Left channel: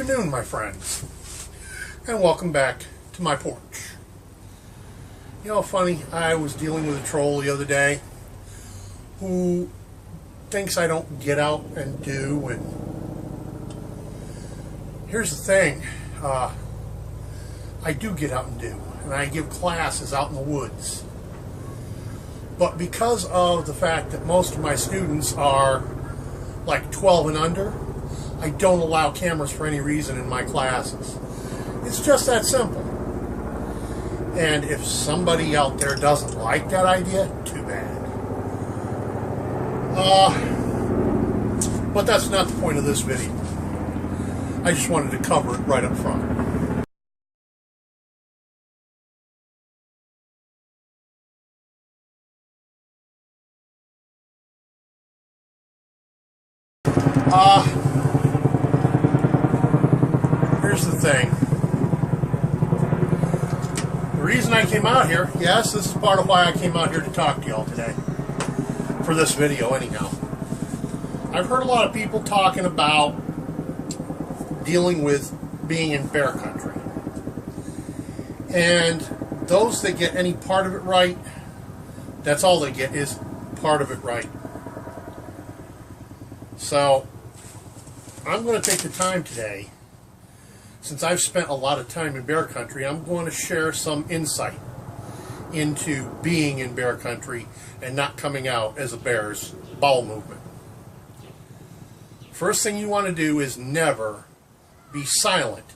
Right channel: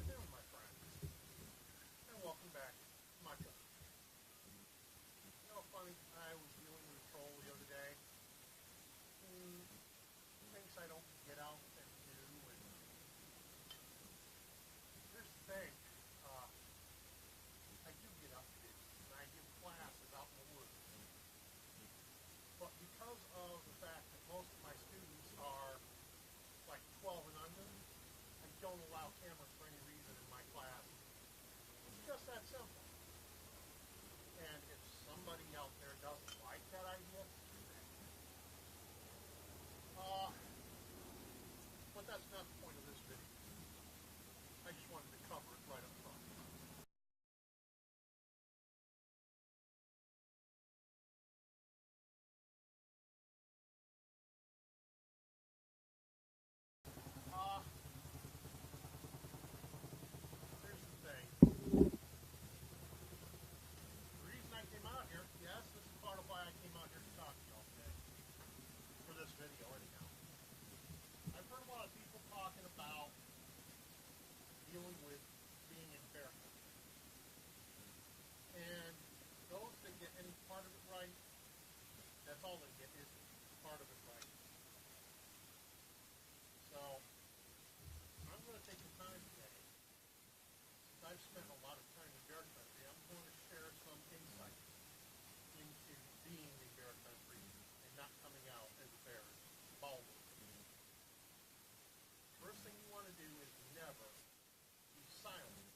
afternoon, my friends, and welcome back to my porch. You know, funny, I was dealing with a troll the other day who thinks I don't get out and do, and here's the thing, I do get out and do, and I give classes out in the woods. But because of the fact that most of my students are like 12 and under, I don't allow cameras for any reason in my classes. It's just that simple. And if somebody out there doesn't like that idea, too bad. But that's not the point of this video. I just wanted to cover it right up front. Here's the thing. The reason I came out here, yes, this is part of why I came out here to talk to y'all today. For this video, anyhow. I've heard a lot of people talking about dealing with being in bear country. And those that get any part of it right, that's all they get is part of it right. So, I'm going to take the time today, since I've spent a lot of time in bear country, I'm going to share some insight into being in bear country and not coming out as a bear's bowel movement. First thing you want to do is never be silent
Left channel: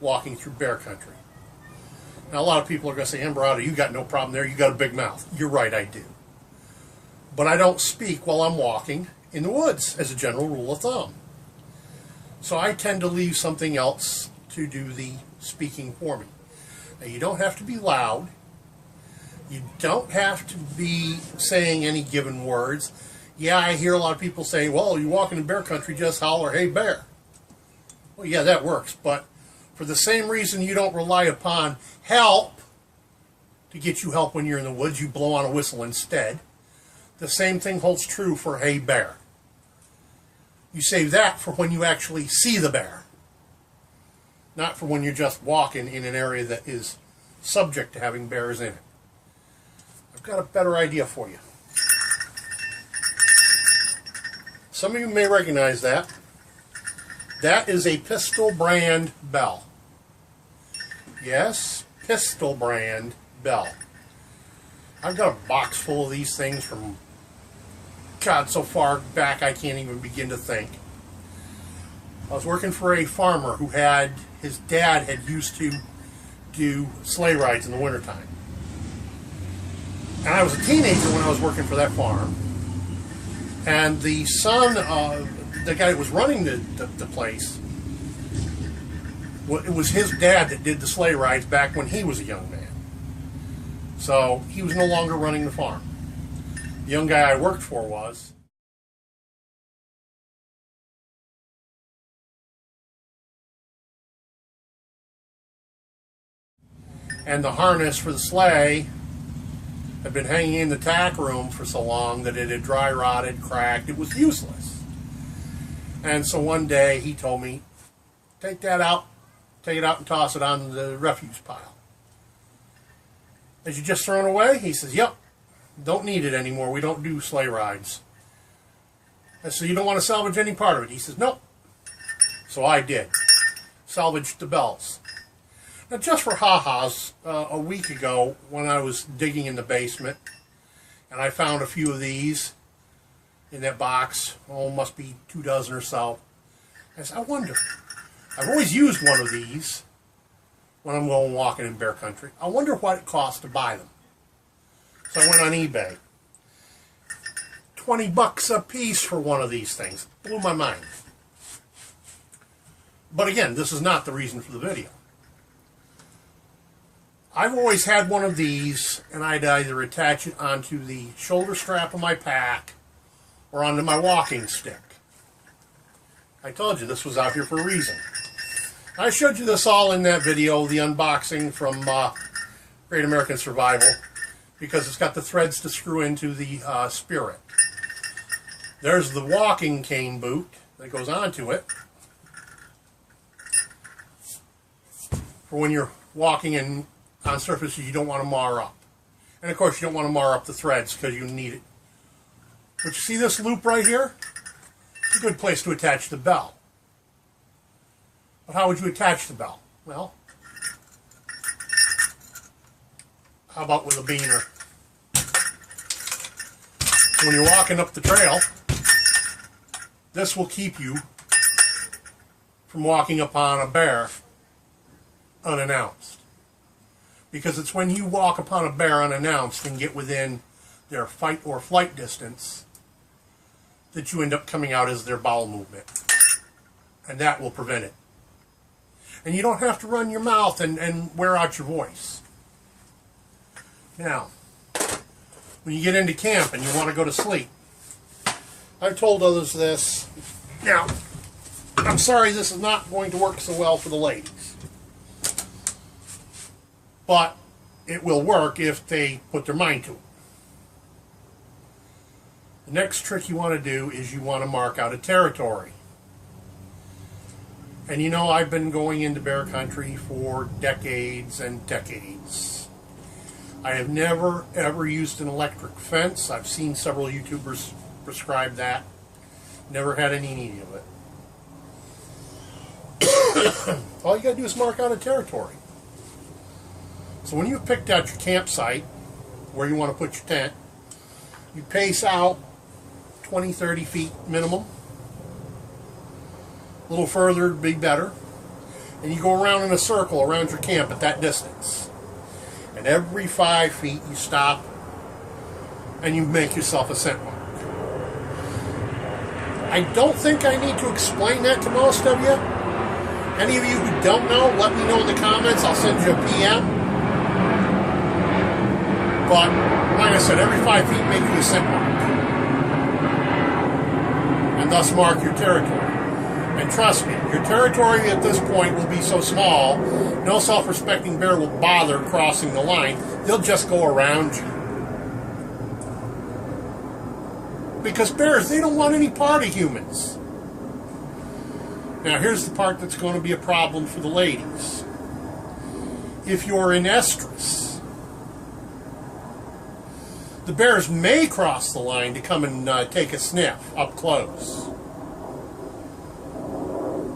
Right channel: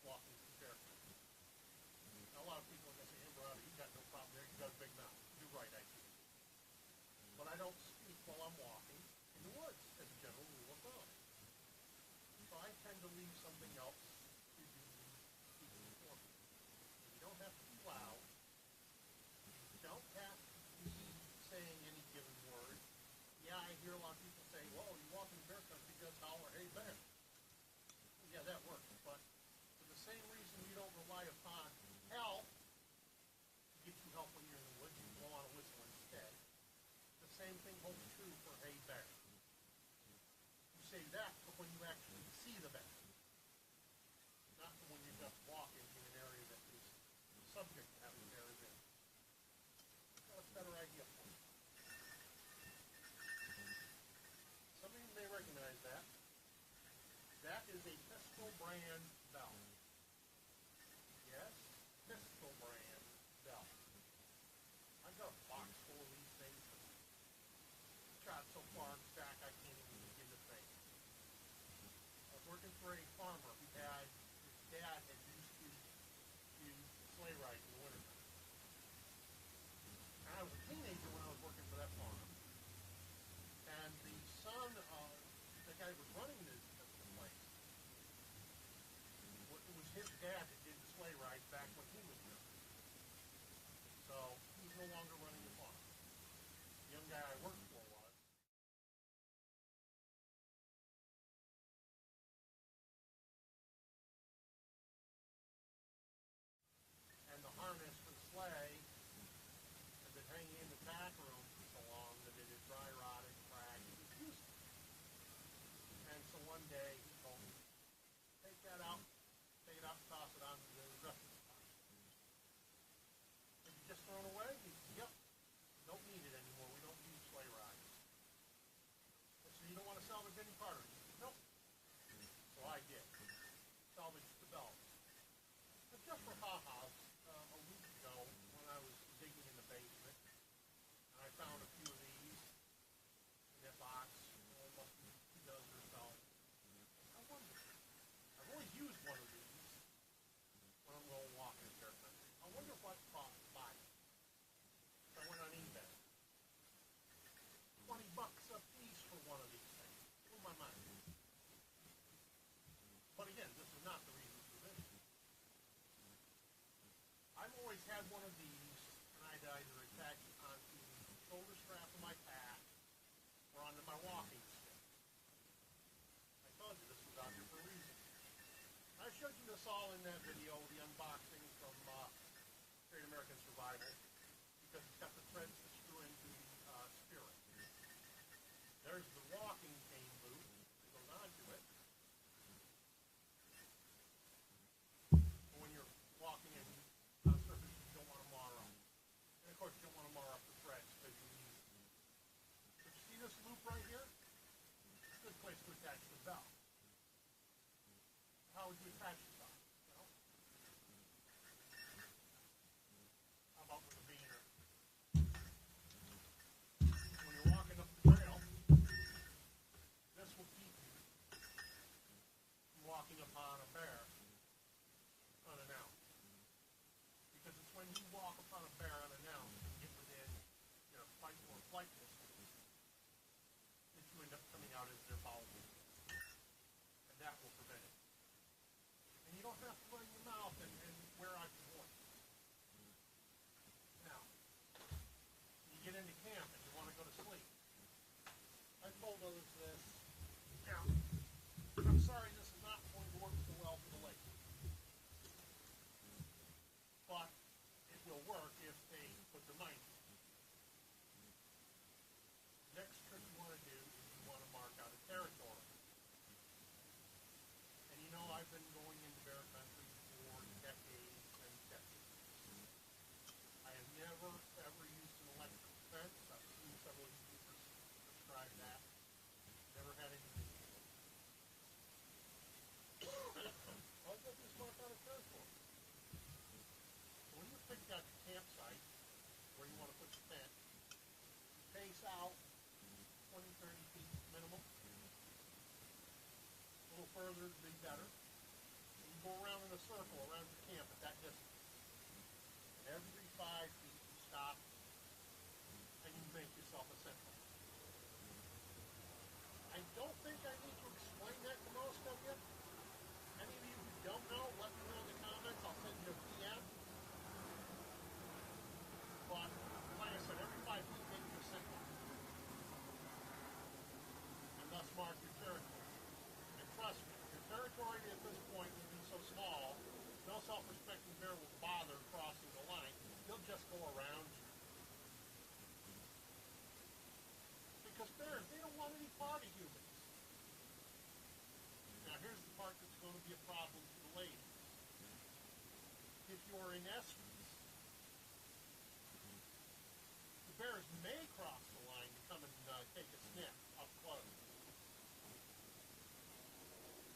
walking through bear country. Now, a lot of people are going to say, Embarado, you got no problem there, you got a big mouth. You're right, I do. But I don't speak while I'm walking in the woods, as a general rule of thumb. So I tend to leave something else to do the speaking for me. Now, you don't have to be loud. You don't have to be saying any given words. Yeah, I hear a lot of people say, well, you're walking in bear country, just holler, hey, bear. Well, yeah, that works. But for the same reason you don't rely upon help to get you help when you're in the woods, you blow on a whistle instead. The same thing holds true for hey, bear. You save that for when you actually see the bear, not for when you're just walking in an area that is subject to having bears in it. I've got a better idea for you. Some of you may recognize that. That is a Pistol brand bell. Yes, Pistol brand bell. I've got a box full of these things from God, so far back I can't even begin to think. I was working for a farmer who had, his dad had used to do sleigh rides in the wintertime. And I was a teenager when I was working for that farm. And the son of the guy that was running the place, it was his dad that did the sleigh rides back when he was a young man. So he was no longer running the farm. The young guy I worked for was. And the harness for the sleigh had been hanging in the tack room for so long that it had dry rotted, cracked. It was useless. And so one day he told me, take that out, take it out and toss it on the refuse pile. As you just thrown away? He says, yep. Don't need it anymore. We don't do sleigh rides. I said, you don't want to salvage any part of it? He says, nope. So I did. Salvaged the bells. Now, just for ha-has, a week ago when I was digging in the basement, and I found a few of these in that box, must be 2 dozen or so. I said, I wonder, I've always used one of these when I'm going walking in bear country. I wonder what it costs to buy them. So I went on eBay. $20 a piece for one of these things. Blew my mind. But again, this is not the reason for the video. I've always had one of these, and I'd either attach it onto the shoulder strap of my pack or onto my walking stick. I told you this was out here for a reason. I showed you this all in that video, the unboxing from Great American Survival, because it's got the threads to screw into the Spirit. There's the walking cane boot that goes onto it. for when you're walking on surfaces you don't want to mar up. And of course you don't want to mar up the threads because you need it. But you see this loop right here? It's a good place to attach the bell. But how would you attach the bell? Well, how about with a beaner? When you're walking up the trail, this will keep you from walking upon a bear unannounced. Because it's when you walk upon a bear unannounced and get within their fight or flight distance that you end up coming out as their bowel movement. And that will prevent it. And you don't have to run your mouth and wear out your voice. Now, when you get into camp and you want to go to sleep, I've told others this. Now, I'm sorry this is not going to work so well for the ladies. But it will work if they put their mind to it. The next trick you want to do is you want to mark out a territory. And you know, I've been going into bear country for decades and decades. I have never ever used an electric fence. I've seen several YouTubers prescribe that. Never had any need of it. All you gotta do is mark out a territory. So when you've picked out your campsite, where you want to put your tent, you pace out 20, 30 feet minimum. A little further would be better. And you go around in a circle around your camp at that distance. And every 5 feet you stop and you make yourself a scent mark. I don't think I need to explain that to most of you. Any of you who don't know, let me know in the comments. I'll send you a PM. But, like I said, every 5 feet make you a scent mark. And thus mark your territory. And trust me, your territory at this point will be so small, no self-respecting bear will bother crossing the line. They'll just go around you. Because bears, they don't want any part of humans. Now here's the part that's going to be a problem for the ladies. If you're in estrus, the bears may cross the line to come and take a sniff up close.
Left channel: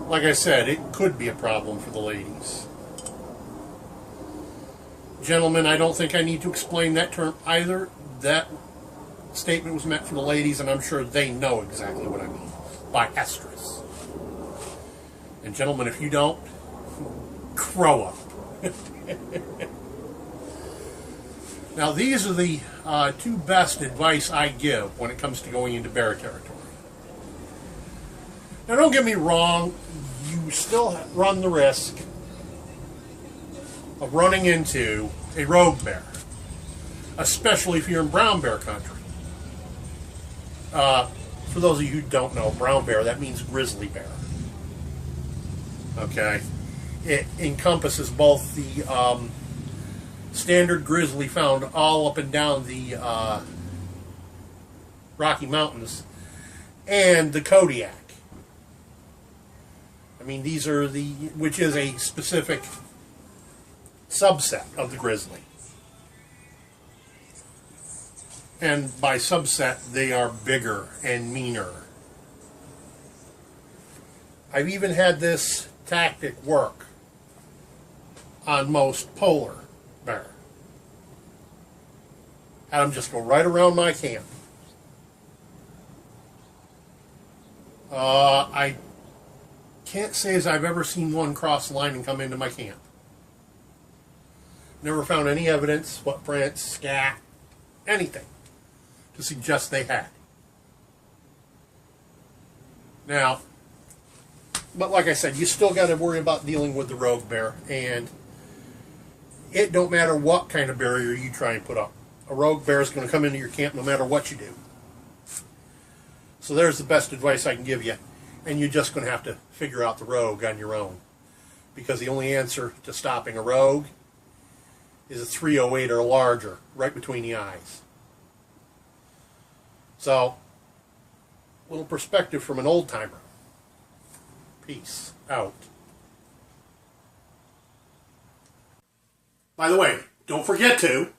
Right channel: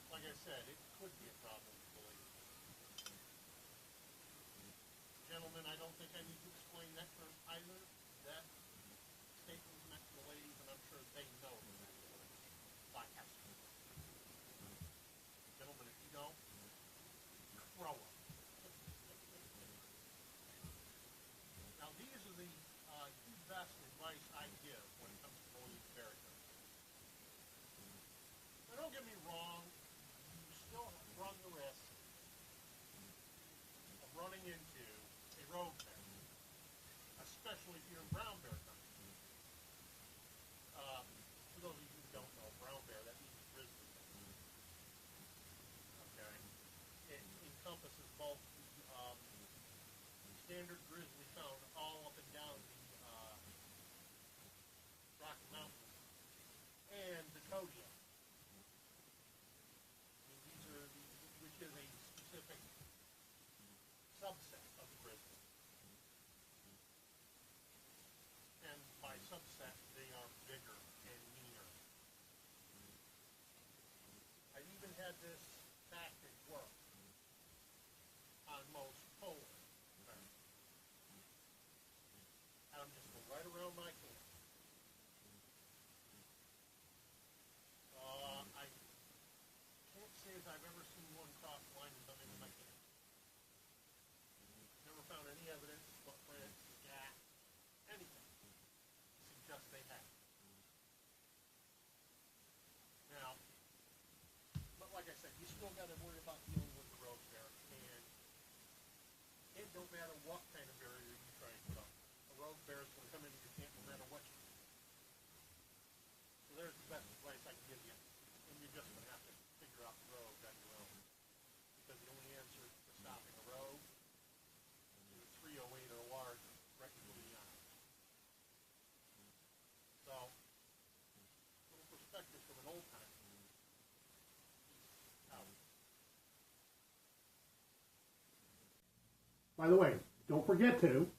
Like I said, it could be a problem for the ladies. Gentlemen, I don't think I need to explain that term either. That statement was meant for the ladies, and I'm sure they know exactly what I mean by estrus. And gentlemen, if you don't, grow up. Now, these are the two best advice I give when it comes to going into bear territory. Now, don't get me wrong, you still run the risk of running into a rogue bear, especially if you're in brown bear country. For those of you who don't know, brown bear, that means grizzly bear. Okay? It encompasses both the standard grizzly found all up and down the Rocky Mountains and the Kodiak. I mean, these are which is a specific subset of the grizzly. And by subset, they are bigger and meaner. I've even had this tactic work on most polar bear. Had them just go right around my camp. I can't say as I've ever seen one cross the line and come into my camp. Never found any evidence, footprints, scat, anything to suggest they had. Now, but like I said, you still got to worry about dealing with the rogue bear, and it don't matter what kind of barrier you try and put up. A rogue bear is going to come into your camp no matter what you do. So there's the best advice I can give you, and you're just going to have to figure out the rogue on your own, because the only answer to stopping a rogue is a 308 or larger, right between the eyes. So, a little perspective from an old-timer. Peace out. By the way, don't forget to